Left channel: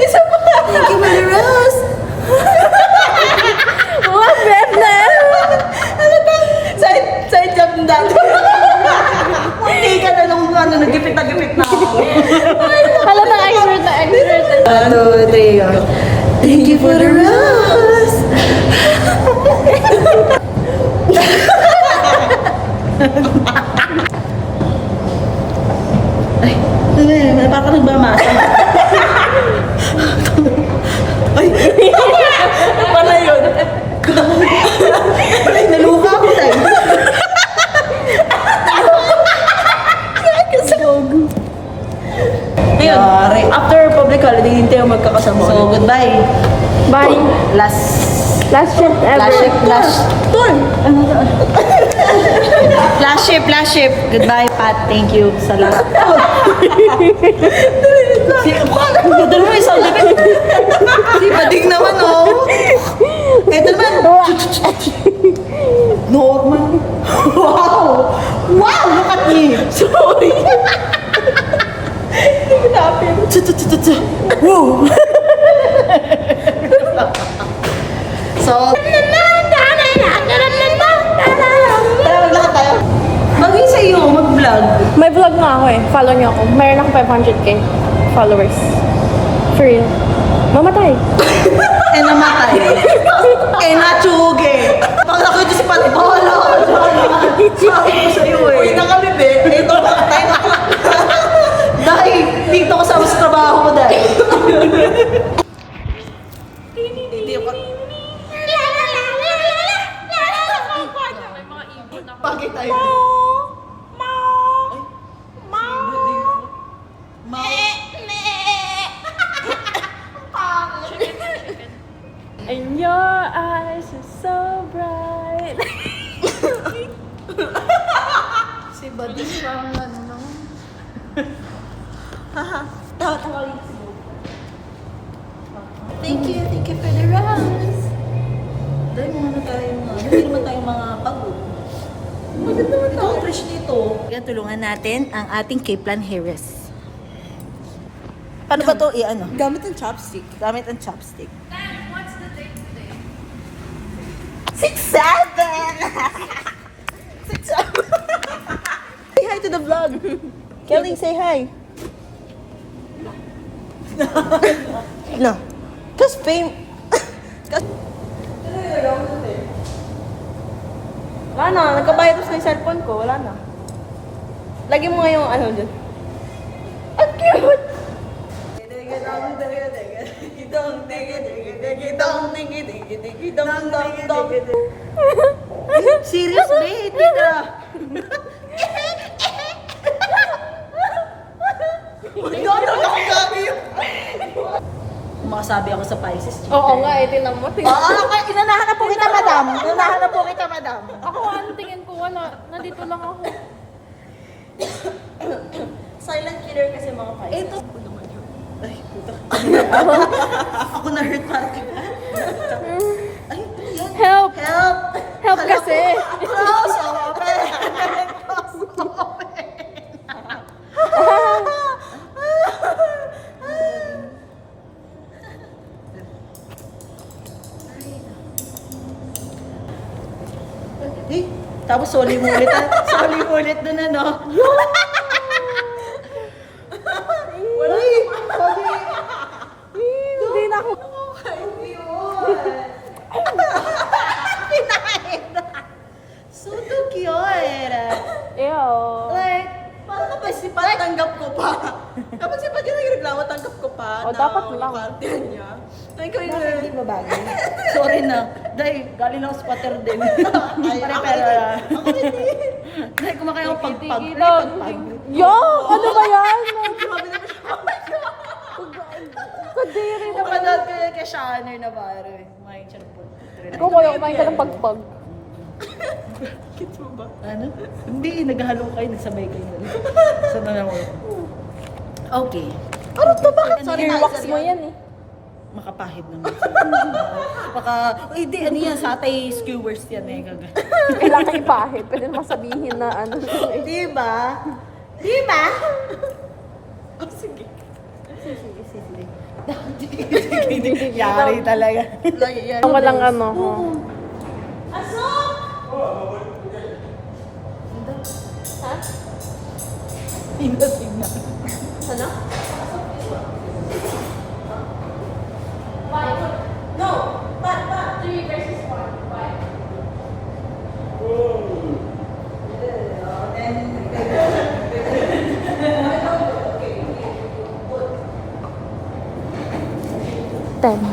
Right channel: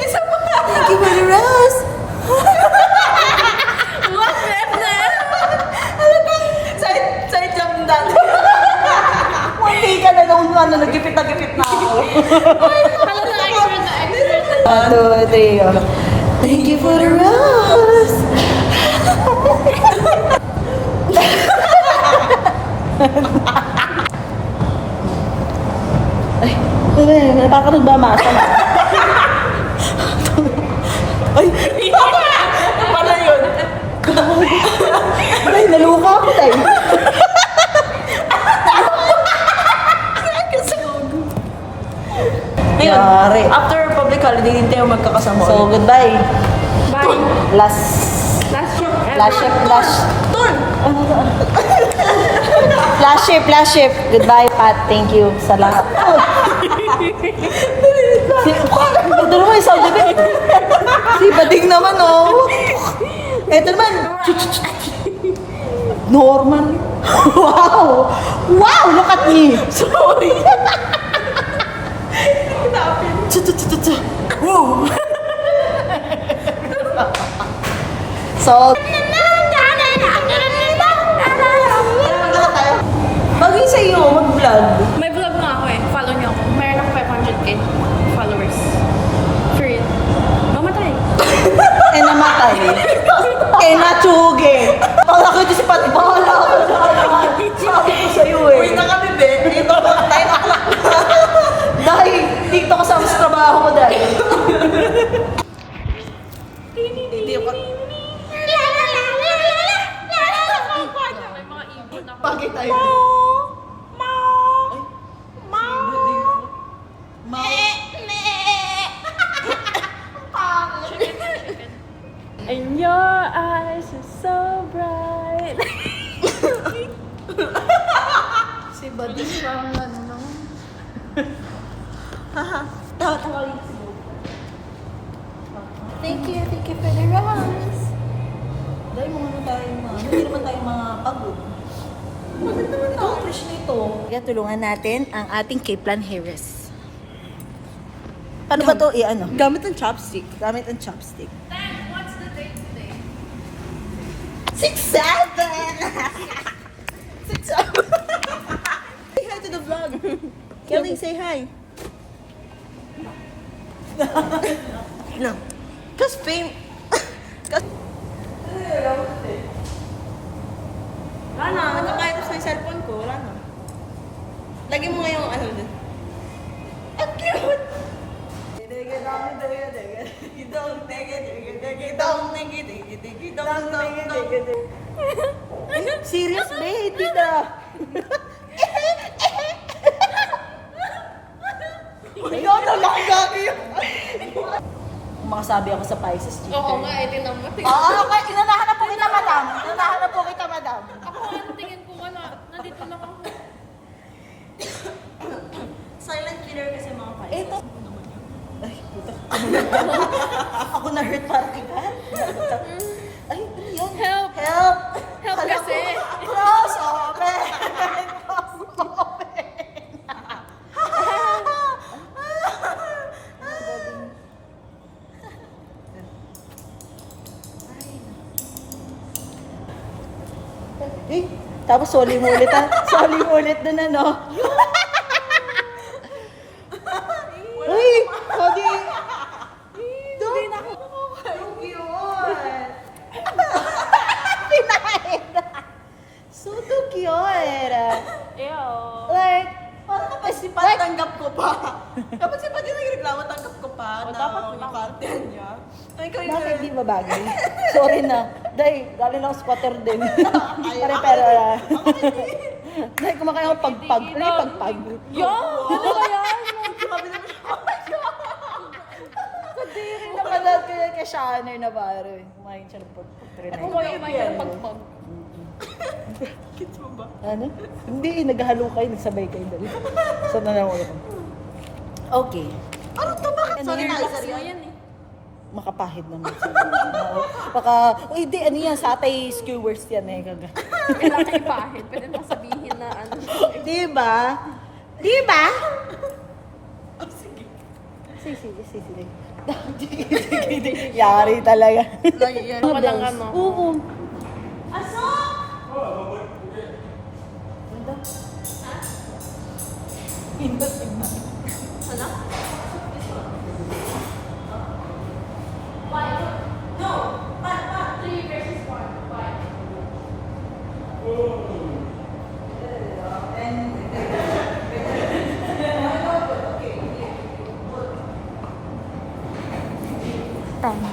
Isa pa. Thank you for the rose. Mga friend na. Ano bang side jump down? Munti ka na nung nagipit na ako. Hala na expert na expert. 1, 2, 3, go. Thank you for the rose. Ay, parang nagbamasa. Ay, ano pala yun? Ay, naluka ako tayo. Ayun, after public holiday, hindi tayo magkakasama ulit. So, goodbye. Bye. Last Last trip ever. Tour! Last ship. Goodbye, Pat. Thank you sa lahat. Ito naman yung sound effect. Si Bading naman, oh. Ito naman. No, wow! Wow! Look at me! Sorry! Wow! So, lahat tayo. Bagay sa iyo, mag-vlog. May vlog na ako eh. Follow niyo ako. Meron ako 500k followers. For real. Mamatay. Eh, namatay. Eh, natsugi. Pag ako di si Pat, bahala ka dyan. Sabi ko sa'yo eh. Uy na kami, be. Eh, ito, 9 o'clock. Dahil, dito ko sa trabaho ko dahil. Hindi ako. May mga ibon ako. Bakit tayo? And your eyes are so bright. Si Buddy parang ano no? Haha, tawa-tawa yung sigaw. Thank you for the rose. Dahil mga na tayo mga, hindi naman tayong mga pagod. Maganda naman tayo. Ito, fresh nito. Yan, tulungan natin ang ating Kaplan Harris. Paano ba ito i-ano? Gamit ang chopstick. Gamit ang chopstick. What's the date today? 6-7! 6-7! Say hi to the vlog. Kelly, say hi. No. Cause fame... Ano, nagkabayad ko sa cellphone ko. Wala na. Lagyan mo nga yung ano dyan. Ang cute! Serious, babe? Tita. Makasabi ako sa Pisces, chicken. Oo nga, tinan mo. Oo, inanahan na po kita, madam. Inanahan na po kita, madam. Ako, ano tingin ko, wala. Nandito lang ako. Silent killer kasi mga Pisces. Ito. Ay, puto. Ako na-hurt party ba? Ay, ano yan? Help! Help! Help kasi! Close open! Close open! Tapos soli-mulit soli-mulit dun ano. Wala hindi na ako. So cute. Ew. Like, parang kapag si Pat tanggap ko pa. Kapag si Pat yung nagreklamo, tanggap ko pa O, na dapat yung lang. content niya. Ay, ikaw yung hindi ba bagay? Sorry na. Dahil, galing ako squatter din. Pare-pare. Ako rin eh. Dahil kumakain ako pagpag. Pagpag. Yo! Ano ba yan? Grabe naman siya. Kadiri na. Napanood ko yung kay Shanner na baro. Kumain siya ng pagpag. Ako wala kumain ka ng pagpag. Kids mo ba? Ano? Hindi, naghalo kayo, nagsabay kayo. Saan na lang ako? Okay. Ano to? Bakit? Sorry na, Box mo yan eh. Makapahid naman. Baka, hindi, ano yan, satay skewers yan eh. Kailangan kayo pahit. Pwede mo sabihin na ano. Diba? Diba? Oh, sige. Sige. Yari talaga. Walang ano. Asok! Hindi signal. Ano? No! Pat! 3 versus 1. Why? Then, 10.